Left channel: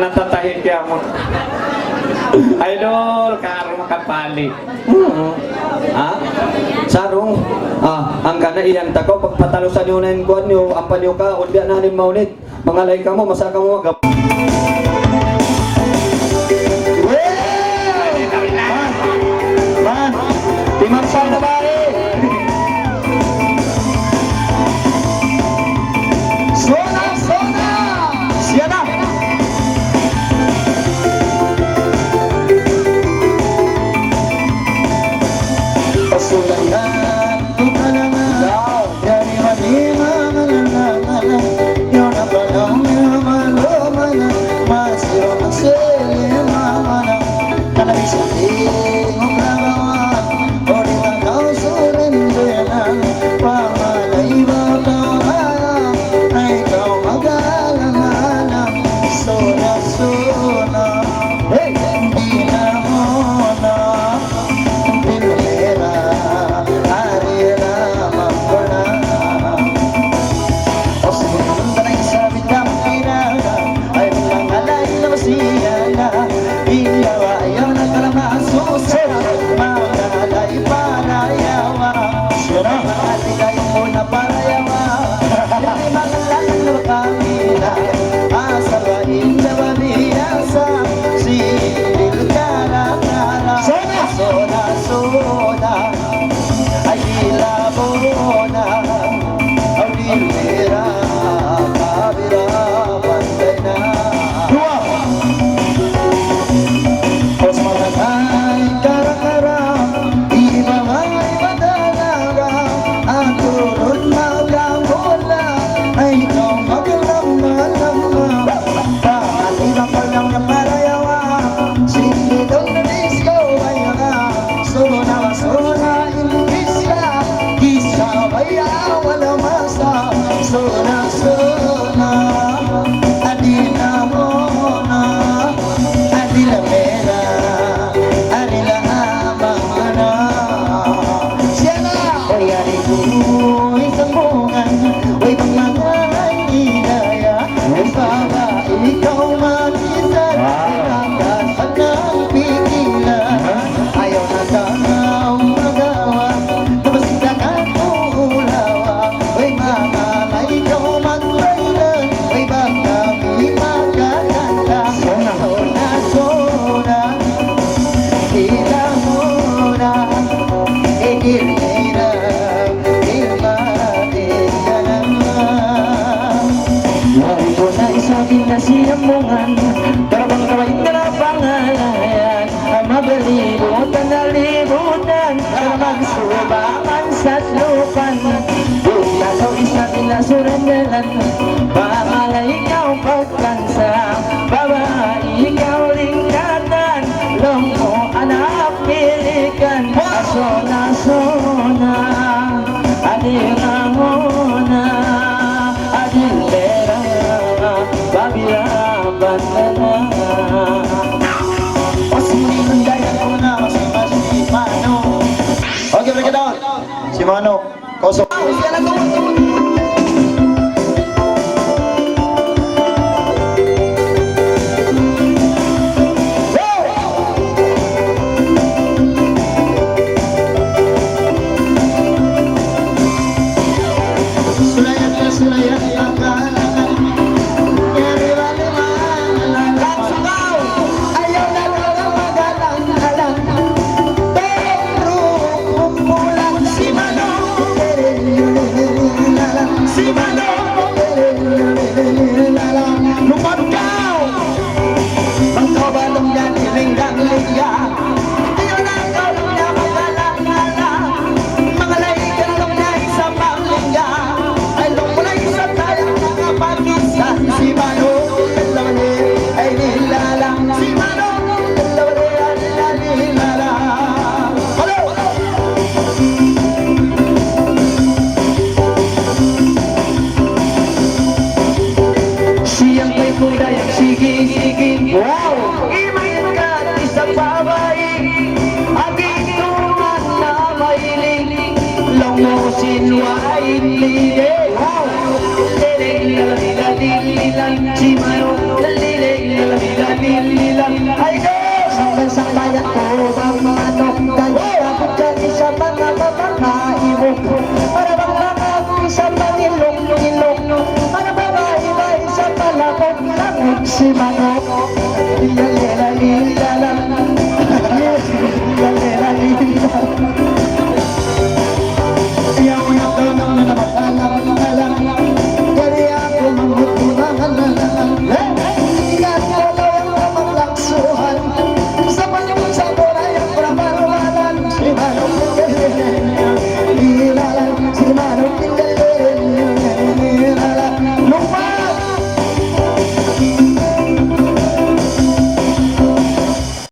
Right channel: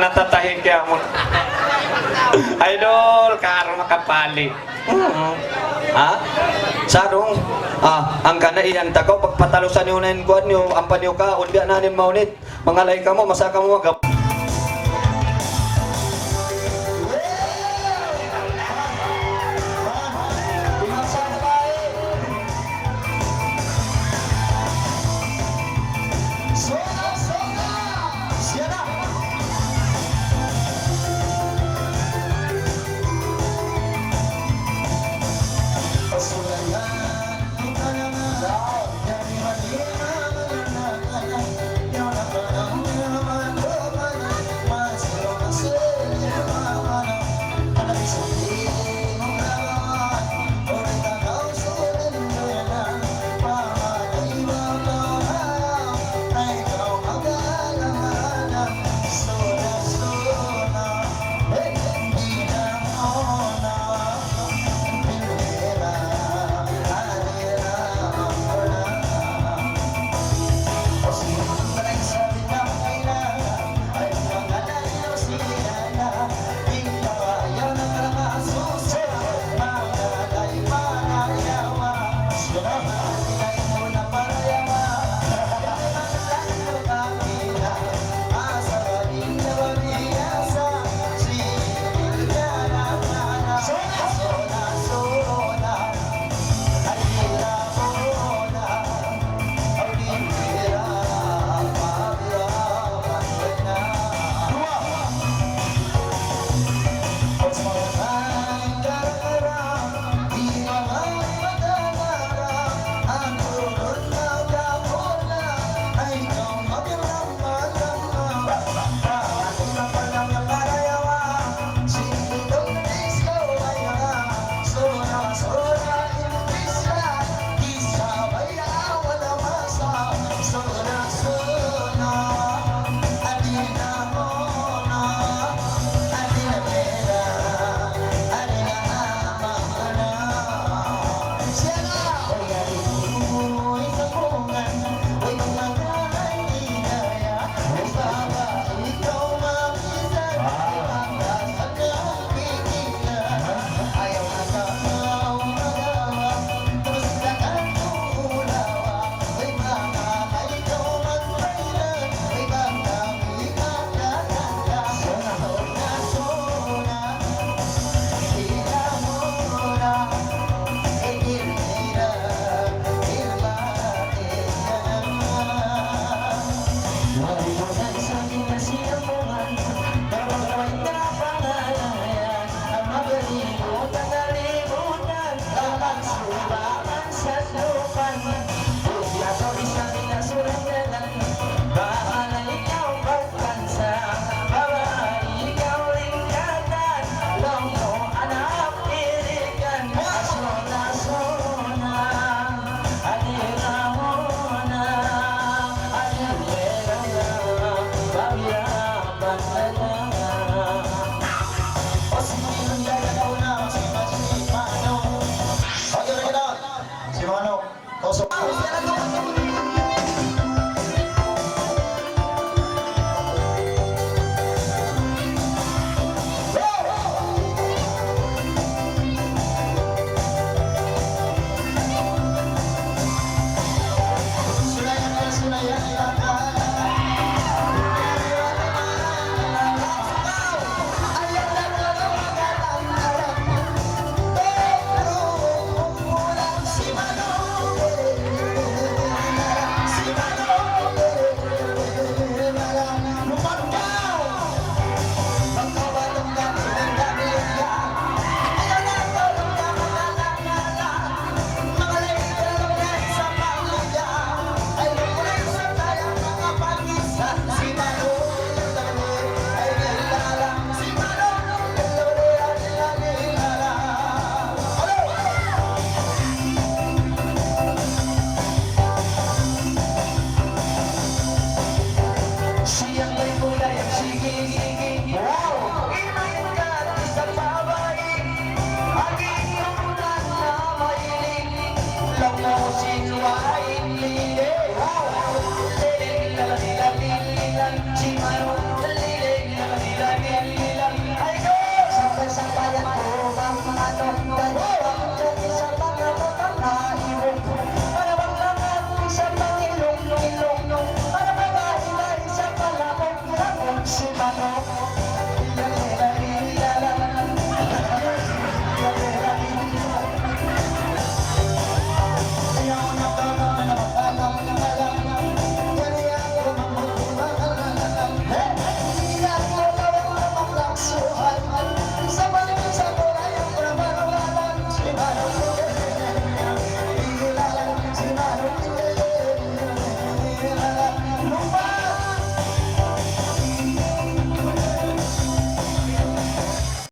natatahin kaya mo. Idol, karo makapali. Ha? Sarong, ang kana iyan tako pagpatalusan niyo na kuan niyo ang panyo ka undi na ni maunit. Mangalay ka mo, masaka mo mag. Timangsa na ba eh? Sona, sona! Siya na! Pasulayan ko ka naman dari manimang yun ang panang naman masiro ang silimang kanabising ang lagawan orita kau surindilan pangalay ba kawala na ikaw magalanganan sona sona hey hindi na muna sinambungan Karabang kaway ka na pangalayan Ang mabalibutan na libutan Para magsubakan sa lupan Lalo isa pinasurandalan Pangalay ikaw pagkansa Babae ikaw lingkatan Longmo anak pilikan Asona sona Adira mona Adilera Babila bandana Osin daya ko na si Mano Okay, break it down Si Mano Koso Wow! Imayin ka isang babae Ating tungan na mahiling Longosin wain lilig Wow! Lilig lalalilan Si Mano Lilig lalalilan Hanggang sa bayan ko bang ano Kalabot kami sa mga mamakaibog Para bang mga isa pang ilong Para mga iba isa palakog Langog si Manok Lalila Lalila Ayaw mo na daw na naman